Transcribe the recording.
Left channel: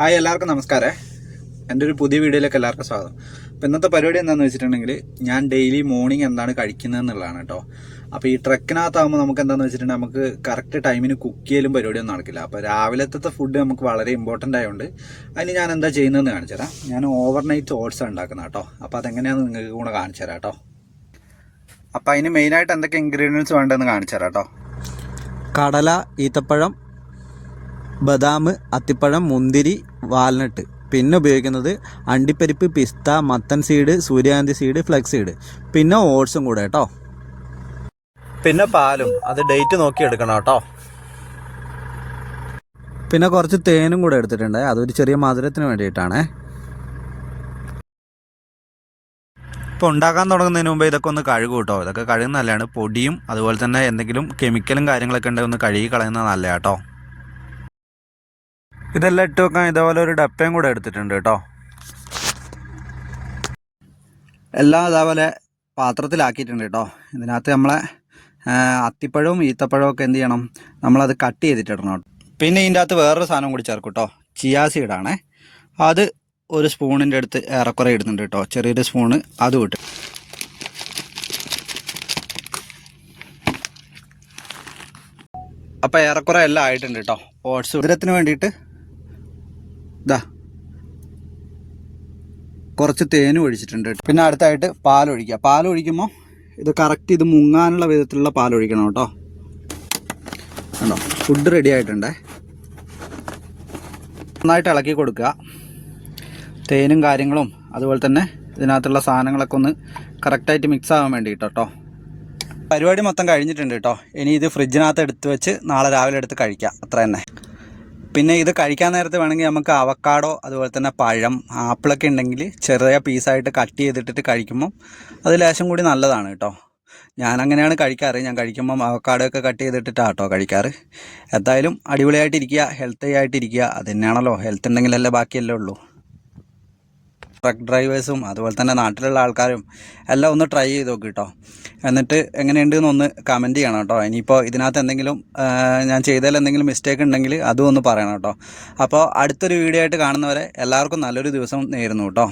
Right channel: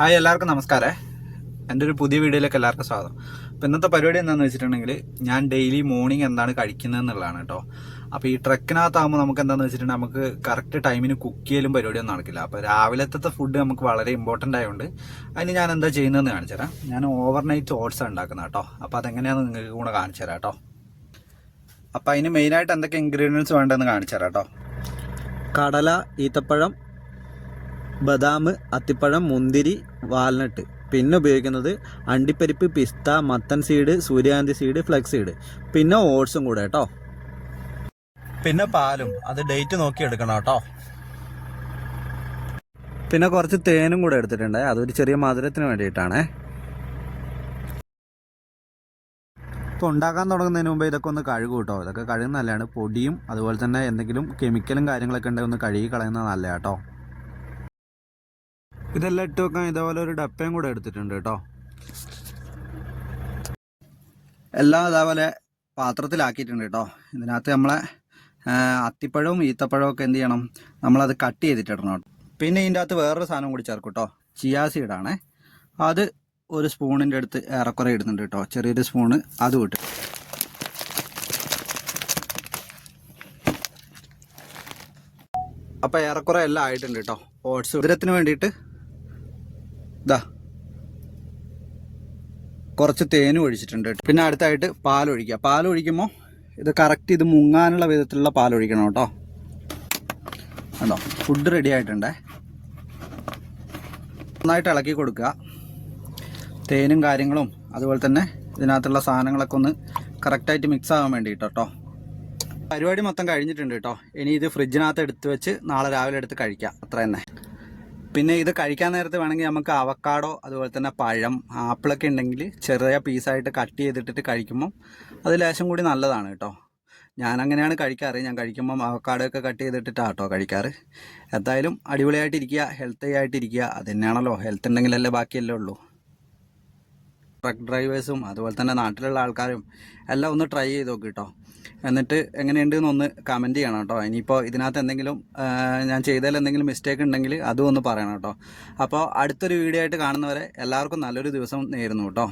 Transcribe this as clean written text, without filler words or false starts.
Hi എല്ലാവർക്കും നമസ്കാരം. എൻ്റെ ഒരു പുതിയ വീഡിയോയിലേക്ക് എല്ലാവർക്കും സ്വാഗതം. അപ്പോൾ ഇന്നത്തെ പരിപാടി എന്താണെന്ന് വെച്ചിട്ടുണ്ടെങ്കിൽ ഞാൻ ഡെയിലി മോർണിംഗ് എന്താണ് കഴിക്കുന്നത് എന്നുള്ളതാണ് കേട്ടോ. അപ്പോൾ ഈ ട്രക്കിനകത്താകുമ്പോൾ നമുക്ക് എന്താണെന്ന് വെച്ചിട്ടുണ്ടെങ്കിൽ നമുക്ക് കറക്റ്റ് ടൈമിന് കുക്ക് ചെയ്യലും പരിപാടിയൊന്നും നടക്കില്ല. അപ്പോൾ രാവിലത്തെ ഫുഡ് നമുക്ക് വളരെ ഇമ്പോർട്ടൻ്റ് ആയതുകൊണ്ട് അതിന് ഞാൻ എന്താ ചെയ്യുന്നതെന്ന് കാണിച്ചു തരാം. ഞാൻ ഓവർനൈറ്റ് ഓട്സ് ഉണ്ടാക്കുന്നത് കേട്ടോ. അപ്പോൾ അതെങ്ങനെയാണെന്ന് നിങ്ങൾക്ക് കൂടെ കാണിച്ചു തരാം കേട്ടോ. അപ്പോൾ അതിന് മെയിനായിട്ട് എന്തൊക്കെ ഇൻഗ്രീഡിയൻസ് വേണ്ടതെന്ന് കാണിച്ചു തരാം കേട്ടോ. കടല, ഈത്തപ്പഴം, ബദാം, അത്തിപ്പഴം, മുന്തിരി, വാൽനട്ട്. പിന്നെ ഉപയോഗിക്കുന്നത് അണ്ടിപ്പരിപ്പ്, പിസ്ത, മത്തൻ സീഡ്, സൂര്യകാന്തി സീഡ്, ഫ്ലെക്സ് സീഡ്, പിന്നെ ഓട്സും കൂടെ കേട്ടോ. പിന്നെ പാലും, അത് ഡേറ്റ് നോക്കി എടുക്കണം കേട്ടോ. പിന്നെ കുറച്ച് തേനും കൂടെ എടുത്തിട്ടുണ്ട്, അതൊരു ചെറിയ മധുരത്തിന് വേണ്ടിയിട്ടാണേ. ഇപ്പോൾ ഉണ്ടാക്കാൻ തുടങ്ങുന്നതിന് മുമ്പ് ഇതൊക്കെ ഒന്ന് കഴുകും കേട്ടോ. ഇതൊക്കെ കഴുകുന്ന നല്ലതാണ്. പൊടിയും അതുപോലെ തന്നെ എന്തെങ്കിലും കെമിക്കലും കാര്യങ്ങളൊക്കെ ഉണ്ടെങ്കിൽ ഒന്ന് കഴുകി കളയുന്നത് നല്ല കേട്ടോ. ഇതെല്ലാം ഇട്ട് വെക്കാൻ ഇതേപോലെ ഒരു ഡപ്പയും കൂടെ എടുത്തിട്ടുണ്ട് കേട്ടോ. എല്ലാം അതേപോലെ പാത്രത്തിലാക്കിയിട്ടുണ്ട് കേട്ടോ. ഇതിനകത്ത് നമ്മളെ അത്തിപ്പഴവും ഈത്തപ്പഴവും ഒക്കെ എന്ത് ചെയ്യണം, നമ്മളത് കട്ട് ചെയ്തിട്ടിടണം. പിന്നെ ഇതിൻ്റെ അകത്ത് വേറൊരു സാധനം കൂടി ചേർക്കും കേട്ടോ. ചിയാ സീഡാണേ. അത് ഒരു സ്പൂണിൻ്റെ അടുത്ത് ഏറെക്കുറെ ഇടുന്നുണ്ട് കേട്ടോ. ചെറിയൊരു സ്പൂണ് അതും ഇട്ട്. അപ്പോൾ ഏറെക്കുറെ എല്ലാം ആയിട്ടുണ്ട് കേട്ടോ. ഓട്സ് ഉദരത്തിന് വേണ്ടിയിട്ട് ഇതാ കുറച്ച് തേനും ഒഴിച്ചിട്ടുണ്ട്. പിന്നെ അടുത്തായിട്ട് പാലൊഴിക്കുക. പാലൊഴിക്കുമ്പോൾ ഇത് കറക്റ്റ് ഇത് മുങ്ങാനുള്ള വിധത്തിലുള്ള പാലൊഴിക്കണം കേട്ടോ. കണ്ടോ, ഫുഡ് റെഡി ആയിട്ടുണ്ടേ. നന്നായിട്ട് ഇളക്കി കൊടുക്കുക. തേനും കാര്യങ്ങളും അതുപോലെ തന്നെ ഇതിനകത്തുള്ള സാധനങ്ങളൊക്കെ ഒന്ന് കറക്റ്റായിട്ട് മിക്സ് ആവാൻ വേണ്ടിയിട്ട് കേട്ടോ. പരിപാടി മൊത്തം കഴിഞ്ഞിട്ടുണ്ട് കേട്ടോ. ഇനി ഇത് ഫ്രിഡ്ജിനകത്ത് എടുത്ത് വെച്ച് നാളെ രാവിലെ എടുത്ത് കഴിക്കാം, അത്ര തന്നെ. പിന്നെ ഇത് കഴിക്കാൻ നേരത്ത് വേണമെങ്കിൽ നമുക്ക് അവക്കാഡോ അതുപോലെ തന്നെ പഴം, ആപ്പിളൊക്കെ ഉണ്ടെങ്കിൽ ചെറിയ പീസായിട്ട് കട്ട് ചെയ്തിട്ടിട്ട് കഴിക്കുമ്പം അത് ലേശം കൂടി നല്ലതാണ് കേട്ടോ. ഞാനങ്ങനെയാണ് കഴിക്കാറ്. ഞാൻ കഴിക്കുമ്പം അവക്കാഡോ ഒക്കെ കട്ട് ചെയ്തിട്ടിട്ടാണ് കേട്ടോ കഴിക്കാറ്. എന്തായാലും അടിപൊളിയായിട്ടിരിക്കുക, ഹെൽത്തി ആയിട്ടിരിക്കുക. അത് തന്നെയാണല്ലോ, ഹെൽത്ത് ഉണ്ടെങ്കിലല്ലേ ബാക്കിയല്ലേ ഉള്ളൂ. ട്രക്ക് ഡ്രൈവേഴ്സും അതുപോലെ തന്നെ നാട്ടിലുള്ള ആൾക്കാരും എല്ലാം ഒന്ന് ട്രൈ ചെയ്ത് നോക്ക് കേട്ടോ. എന്നിട്ട് എങ്ങനെയുണ്ടെന്ന് ഒന്ന് കമൻറ്റ് ചെയ്യണം കേട്ടോ. ഇനിയിപ്പോൾ ഇതിനകത്ത് എന്തെങ്കിലും ഞാൻ ചെയ്തതിൽ എന്തെങ്കിലും മിസ്റ്റേക്ക് ഉണ്ടെങ്കിൽ അതും ഒന്ന് പറയണം കേട്ടോ. അപ്പോൾ അടുത്തൊരു വീഡിയോ ആയിട്ട് കാണുന്നവരെ എല്ലാവർക്കും നല്ലൊരു ദിവസം നേരുന്നു കേട്ടോ.